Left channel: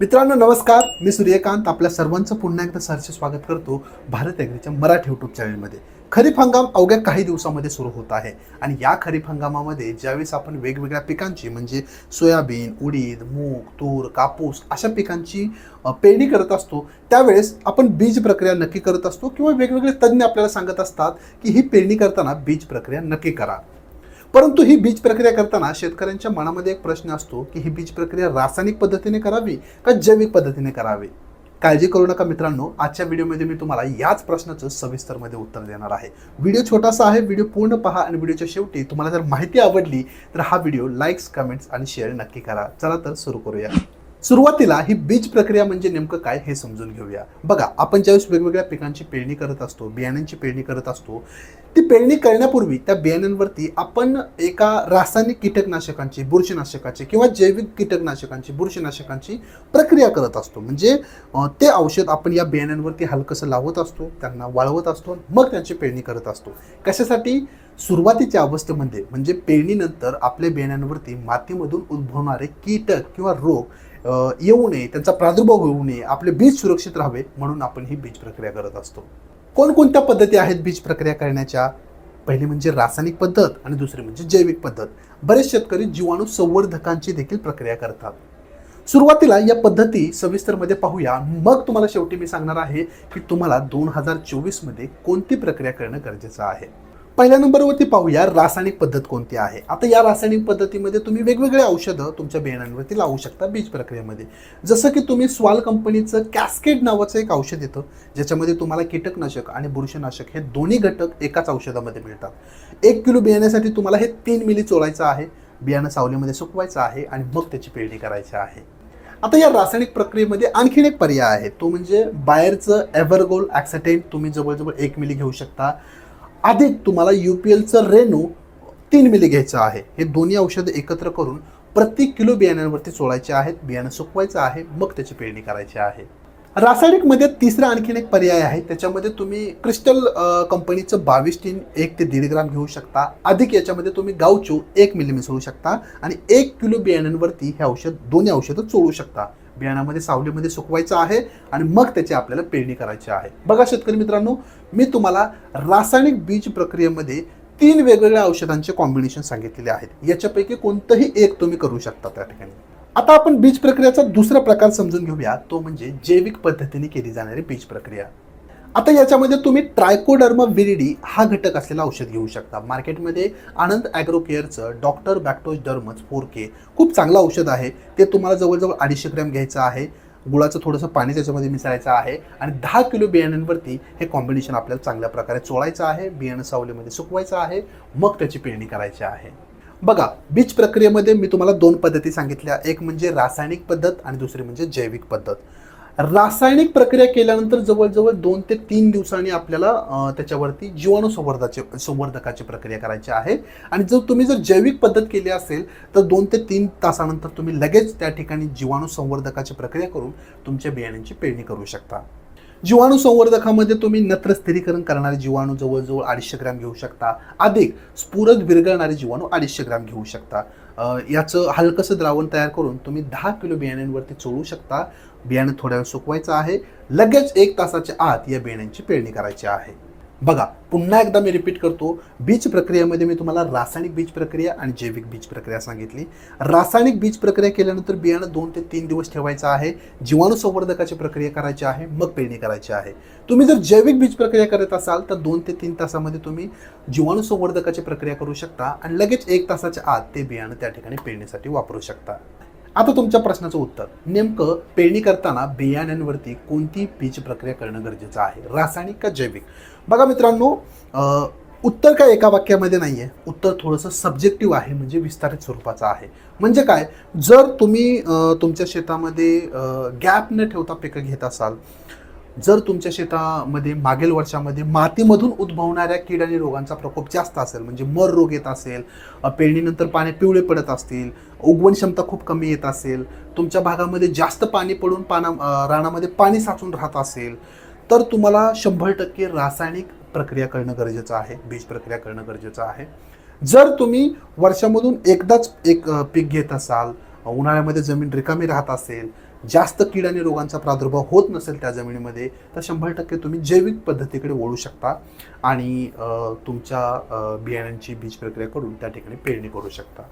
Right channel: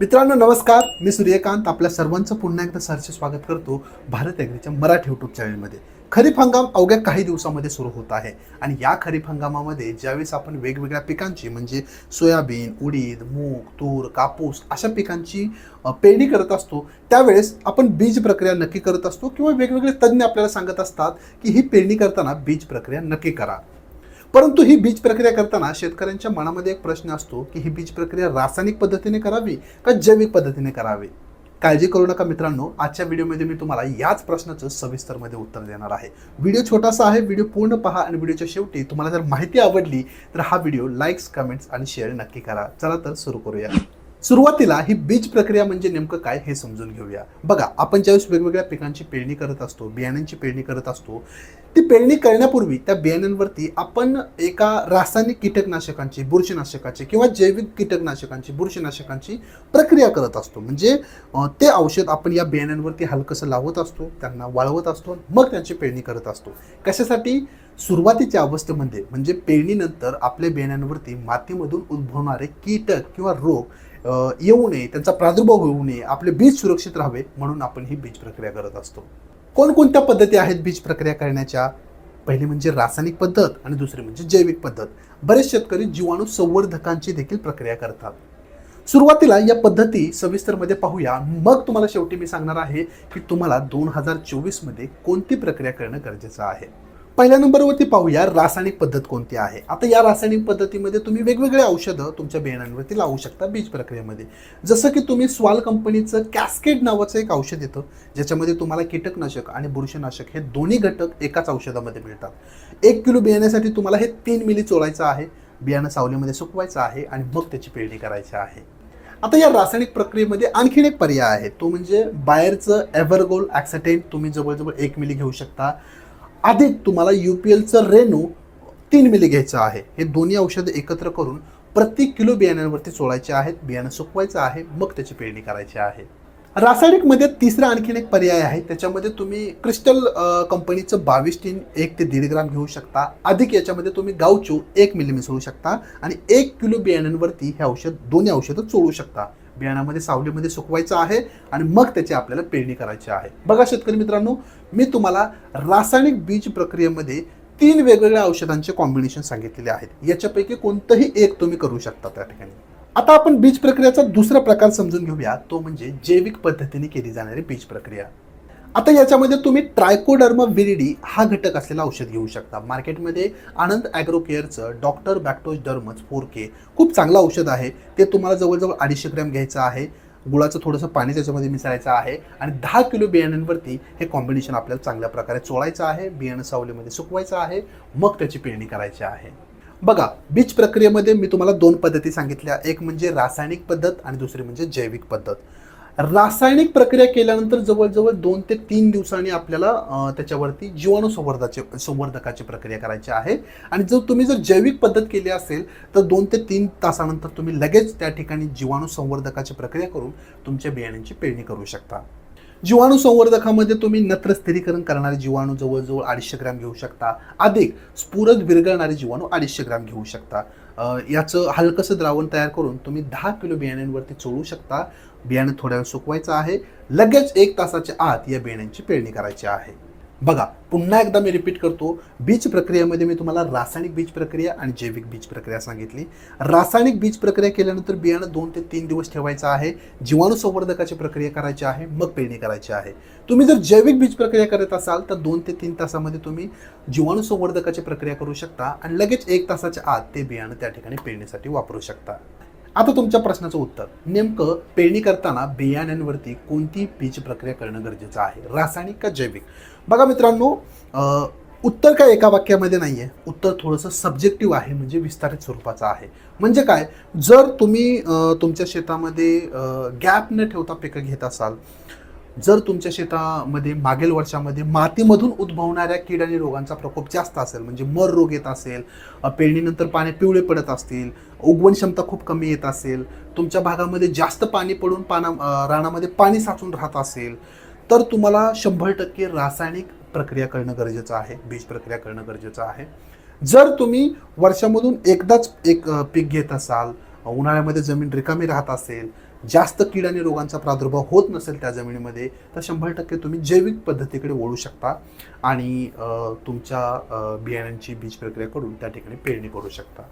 मित्रांनो नमस्कार. मी सूर्यकांत. आपल्या सर्वांचं पुन्हा एकदा सरचे स्वागत करतो भारत एग्रीच्या मराठी युट्यूब चॅनलमध्ये खरीप हंगाम अवघ्या काही दिवसामध्ये सुरू होत आहे आणि या खरीप हंगामामध्ये ज्यावेळेस आपण वेगवेगळ्या पिकांची म्हणजे सोयाबीन उडीद मूग तूर कापूस अशा पिकांची पेरणी करत असतो त्यावेळेस आपण बीज प्रक्रिया नक्की करत असतो किंवा वेगवेगळे तज्ज्ञ आपल्याला सांगत असतात की ही पेरणी करताना बीज प्रक्रिया नक्की करा. परंतु ही बीज प्रक्रिया करताना शेतकऱ्यांच्या मनामध्ये एक प्रश्न असतो की ही बीज प्रक्रिया रासायनिक पद्धतीने करावी का जैविक पद्धतीने करावी? काळजी करू नका मित्रांनो आजच्या व्हिडिओमध्ये मी तुम्हाला याच प्रश्नाचं सविस्तरमध्ये उत्तर देणार आहे. व्हिडिओ छोटासा आहे व्हिडिओ पूर्ण पहा आणि व्हिडिओच्या शेवटी तुम्हाला जर माहिती आवडली तर हा व्हिडिओ लाईक्स कमेंट्स आणि शेअर नक्की करा. चला तर सुरू करूया. सुरुवातीला ही बीज प्रक्रिया म्हणजे नेमकं काय हे समजून घेऊया. बघा आपण ज्यावेळेस वेगवेगळ्या पिकांची पेरणी करत असतो बियाण्यांची पेरणी करत असतो ती पेरणी करण्यापूर्वी त्या बियाण्यांवरती आपण एका रासायनिक कीटकनाशकांची बुरशीनाशकाची किंवा जैविक कीटकनाशकांची बुरशीनाशकांची प्रक्रिया करत असतो. म्हणजे ते औषध आपण या बियाण्यांवरती हलकंसं लावत असतो त्यांना वाळवत असतो मग त्यांची पेरणी करत असतो. कशासाठी? सुरुवातीच्या अवस्थेमध्ये म्हणजे, म्हणजे पेरणीनंतर आपल्या बियाण्यांवरती मातीमधून उद्भवणारे कीटक किंवा रोग येऊ नये त्यांचा प्रादुर्भाव होऊ नये आपले बीज सुरक्षित राहावे म्हणून आपण ही बीज प्रक्रिया करत असतो. कोणकोणत्या पद्धती आहेत बीज प्रक्रिया करण्याच्या? पहिली म्हणजे रासायनिक पद्धत आणि दुसरी म्हणजे जैविक पद्धत. बरेच शेतकरी जीवाणू संवर्धकांची देखील प्रक्रिया करतात. सुरुवातीला या पद्धती सविस्तरमध्ये पाहूया. मग तुम्हाला शेवटी मी सांगणार आहे की तुम्हाला दोन हजार चोवीसमध्ये कोणती प्रक्रिया करणं गरजेचं आहे. पहिल्या नंबरवरती पाहूया रासायनिक पद्धत कोणती आहे. आता या रासायनिक पद्धतीमध्ये तुम्ही वेगवेगळे औषधं तुमच्या बियाण्यांवरती लावू शकता बीज प्रक्रियेमध्ये. जसं की तुम्ही स्वाल कंपनीचं कॅस्केड नावाचं एक औषध येतं ज्याच्यामध्ये तुम्हाला कीटकनाशक आणि बुरशीनाशक हे दोन्ही घटक एकाच औषधामध्ये मिळतात. एक किलो बियाण्यासाठी तुम्हाला हे तीन मिली चोळायचं आहे बियाणं सावलीमध्ये सुकवायचं आहे आणि मग त्याची पेरणी करायची आहे. आता या रासायनिक प्रक्रियेमध्ये आणखीन एक पर्याय आहे तो म्हणजे बाहेरचं एव्हरगोल ॲक्सेटेंट तुम्ही जवळजवळ एक मिली घेऊ शकता. अधिक तुम्हाला यू पी एलचं रेणू तीन मिली घ्यायचं आहे. हे दोन्ही औषधं एकत्र करून प्रति किलो बियाण्यांवरती चोळायचे आहेत. बियाणं सुकवायचं आहे. मग त्याची पेरणी करायची आहे. रासायनिकमध्ये तिसरा आणखीन एक पर्याय आहे. त्याच्यामध्ये तुम्ही क्रिस्टल कंपनीचं बावीस टीन एक ते दीड ग्राम घेऊ शकता. अधिक याच्यामध्ये तुम्ही गावचो एक मिली मिसळू शकता. आणि एक किलो बियाण्यांवरती हे औषध दोन्ही औषधं चोळू शकता. बियाण्यामध्ये सावलीमध्ये सुकवायचं आहे आणि मग त्याची आपल्याला पेरणी करायची आहे. बघा शेतकरी मित्रांनो मी तुम्हाला रासायनिक बीज प्रक्रियेमध्ये तीन वेगवेगळ्या औषधांचे कॉम्बिनेशन सांगितलेले आहेत. याच्यापैकी कोणतंही एक तुम्ही करू शकता त्या ठिकाणी. आता आपण बीज प्रक्रियाचा दुसरा प्रकार समजून घेऊया. तो म्हणजे जैविक पद्धतीने केली जाणारी बीज प्रक्रिया. आता याच्यामध्ये तुम्ही ट्रायकोडर्मा विरिडी हा घटक असलेला औषध घेऊ शकता. मार्केटमध्ये आनंद ॲग्रो केअरचं डॉक्टर बॅक्टोज डर्मच फोर के खूप चांगलं औषध आहे. ते तुम्हाला जवळजवळ अडीचशे ग्रॅम घ्यायचं आहे. गुळाचं थोडंसं पाणी त्याच्यामध्ये मिसळायचं आहे आणि दहा किलो बियाण्यांवरती हे कॉम्बिनेशन आपल्याला चांगल्या प्रकारे चोळायचं आहे बियाणं सावलीमध्ये सुकवायचं आहे मग त्याची पेरणी करायची आहे. बघा बीज प्रक्रियेमध्ये मी तुम्हाला दोन पद्धती सांगितल्या. एक म्हणजे रासायनिक पद्धत आणि दुसरी म्हणजे जैविक पद्धत. रासायनिक प्रक्रिया केल्यानंतर जवळजवळ दोन ते तीन दिवसांनी आपल्याला त्याच्यावरती जीवाणू संवर्धाचे संवर्धकाची प्रक्रिया करायची आहे. आणि जर तुम्ही जर जैविक पद्धत केली असेल तर दोन ते तीन तासानंतर तुम्ही लगेच त्या ठिकाणी जीवाणू संवर्धकाची प्रक्रिया करून तुमच्या बियाण्यांची पेरणी करू शकता. जीवाणू संवर्धकामध्ये तुम्ही नत्र स्थिरीकरण करणारे जीवाणू जवळजवळ अडीचशे ग्रॅम घेऊ शकता. अधिक स्फुरद विरघळणारे जीवाणू अडीचशे ग्रॅम घेऊ शकता. याचं हलकंसं द्रावण तयार करून तुम्ही दहा किलो बियाण्यांवरती चोळू शकता. बियाणं थोड्या वेळ सुकवायचं आहे. लगेच एक तासाच्या आत या बियाण्यांची पेरणी करायची आहे. बघा पुन्हा एकदा मी रिपीट करतो बीज प्रक्रियेमध्ये मी तुम्हाला रासायनिक बीज प्रक्रिया आणि जैविक बीज प्रक्रिया सांगितली. रासायनिक बीज प्रक्रिया केल्यानंतर बियाणं दोन ते तीन दिवस ठेवायचं आहे जीवाणू संवर्धकाची प्रक्रिया करायची आहे मग पेरणी करायची आहे. तुम्ही जर जैविक बीज प्रक्रिया करत असाल तर दोन ते तीन तासामध्ये तुम्ही जीवाणू संवर्धकाची प्रक्रिया करू शकता आणि लगेच एक तासाच्या आत ते बियाणं त्या ठिकाणी पेरणीसाठी वापरू शकता. आता तुमच्या प्रश्नाचं उत्तर. नेमकं पेरणी करताना बियाण्यांवरती कोणती बीज प्रक्रिया करणं गरजेचं आहे? रासायनिक का जैविक? बघा मित्रांनो उत्तर काय एका वाक्यामध्ये नाही आहे उत्तर थोडंसं सब्जेक्टिव्ह आहे म्हणजे विस्तारित स्वरूपाचं आहे. म्हणजे काय? जर तुम्ही तुमच्या शेतामध्ये गॅप न ठेवता पिकं घेत असाल जर तुमच्या शेतामध्ये मागील वर्षामध्ये मातीमधून उद्भवणाऱ्या कीड आणि रोगांचा प्रकोप जास्त असेल म्हणजे मर रोग येत असेल पेरणीनंतर पाणी पिवळे पडत असतील उगवण क्षमता खूप कमी येत असेल तुमच्या भागामध्ये जास्त पाणी पडून पाना रानामध्ये पाणी साचून राहत असेल तर तुम्हाला शंभर टक्के रासायनिक प्रक्रिया करणं गरजेचं आहे बीज प्रक्रिया करणं गरजेचं आहे. जर तुम्ही वर्षामधून एकदाच एक पीक घेत असाल उन्हाळ्यामध्ये जमीन रिकामी राहत असेल जास्त कीड आणि रोगांचा प्रादुर्भाव होत नसेल त्या जमिनीमध्ये तर शंभर टक्के तुम्ही जैविक पद्धतीकडे वळू शकता आणि तुमच्या बियाण्यांची बीज प्रक्रिया करून त्या ठिकाणी पेरणी करू शकता.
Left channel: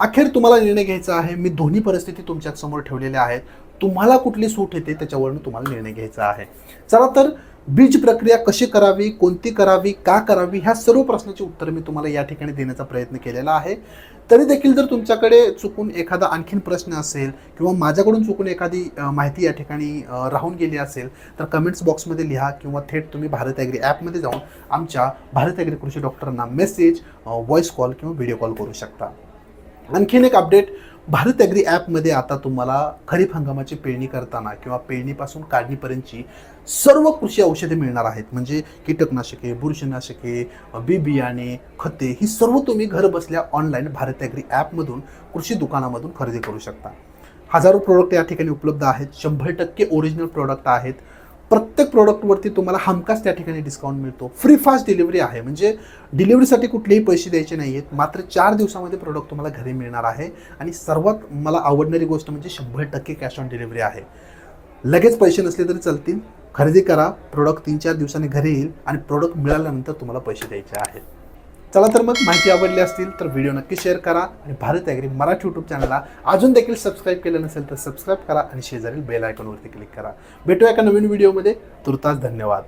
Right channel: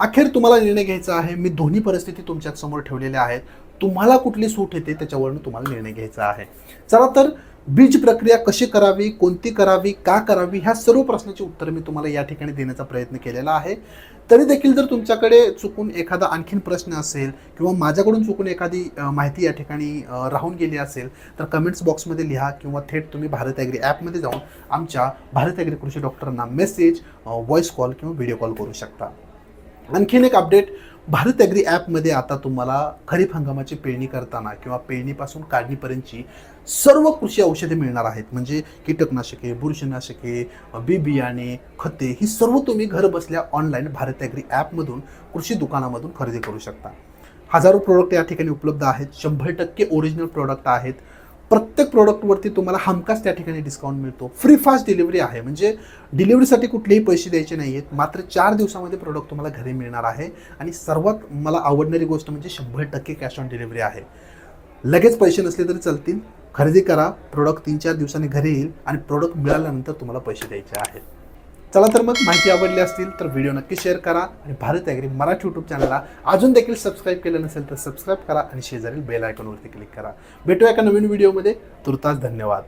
अखेर तुम्हाला निर्णय घ्यायचा आहे. मी दोन्ही परिस्थिती तुमच्यासमोर ठेवलेल्या आहेत. तुम्हाला कुठली सूट येते त्याच्यावरून तुम्हाला निर्णय घ्यायचा आहे. चला तर बीज प्रक्रिया कशी करावी कोणती करावी का करावी ह्या सर्व प्रश्नाची उत्तर मी तुम्हाला या ठिकाणी देण्याचा प्रयत्न केलेला आहे. तरी देखील जर तुमच्याकडे चुकून एखादा आणखीन प्रश्न असेल किंवा माझ्याकडून चुकून एखादी माहिती या ठिकाणी राहून गेली असेल तर कमेंट्स बॉक्समध्ये लिहा किंवा थेट तुम्ही भारत ॲग्री ॲपमध्ये जाऊन आमच्या भारत ॲग्री कृषी डॉक्टरांना मेसेज व्हॉइस कॉल किंवा व्हिडिओ कॉल करू शकता. आणखीन एक अपडेट भारत ॲग्री ॲपमध्ये आता तुम्हाला खरीप हंगामाची पेरणी करताना किंवा पेरणीपासून काढणीपर्यंतची सर्व कृषी औषधे मिळणार आहेत. म्हणजे कीटकनाशके बुरशीनाशके बी बियाणे खते ही सर्व तुम्ही घर बसल्या ऑनलाईन भारत ॲग्री ॲपमधून कृषी दुकानामधून खरेदी करू शकता. हजारो प्रोडक्ट या ठिकाणी उपलब्ध आहेत. शंभर टक्के ओरिजिनल प्रोडक्ट आहेत. प्रत्येक प्रोडक्टवरती तुम्हाला हमखास त्या ठिकाणी डिस्काउंट मिळतो. फ्री फास्ट डिलिव्हरी आहे. म्हणजे डिलिव्हरीसाठी कुठलेही पैसे द्यायचे नाही आहेत मात्र चार दिवसामध्ये प्रोडक्ट तुम्हाला घरी मिळणार आहे. आणि सर्वात मला आवडणारी गोष्ट म्हणजे शंभर टक्के कॅश ऑन डिलिव्हरी आहे. लगेच पैसे नसले तरी चालतील. खरेदी करा. प्रोडक्ट तीन चार दिवसांनी घरी येईल. आणि प्रोडक्ट मिळाल्यानंतर तुम्हाला पैसे द्यायचे आहेत. चला तर मग माहिती आवडली असतील तर व्हिडिओ नक्की शेअर करा आणि भारत ॲग्री मराठी यूट्यूब चॅनलला अजून देखील सबस्क्राईब केलं नसेल तर सबस्क्राईब करा आणि शेजारील बेल आयकॉनवरती क्लिक करा. भेटूया एका नवीन व्हिडिओमध्ये तुर्तास धन्यवाद.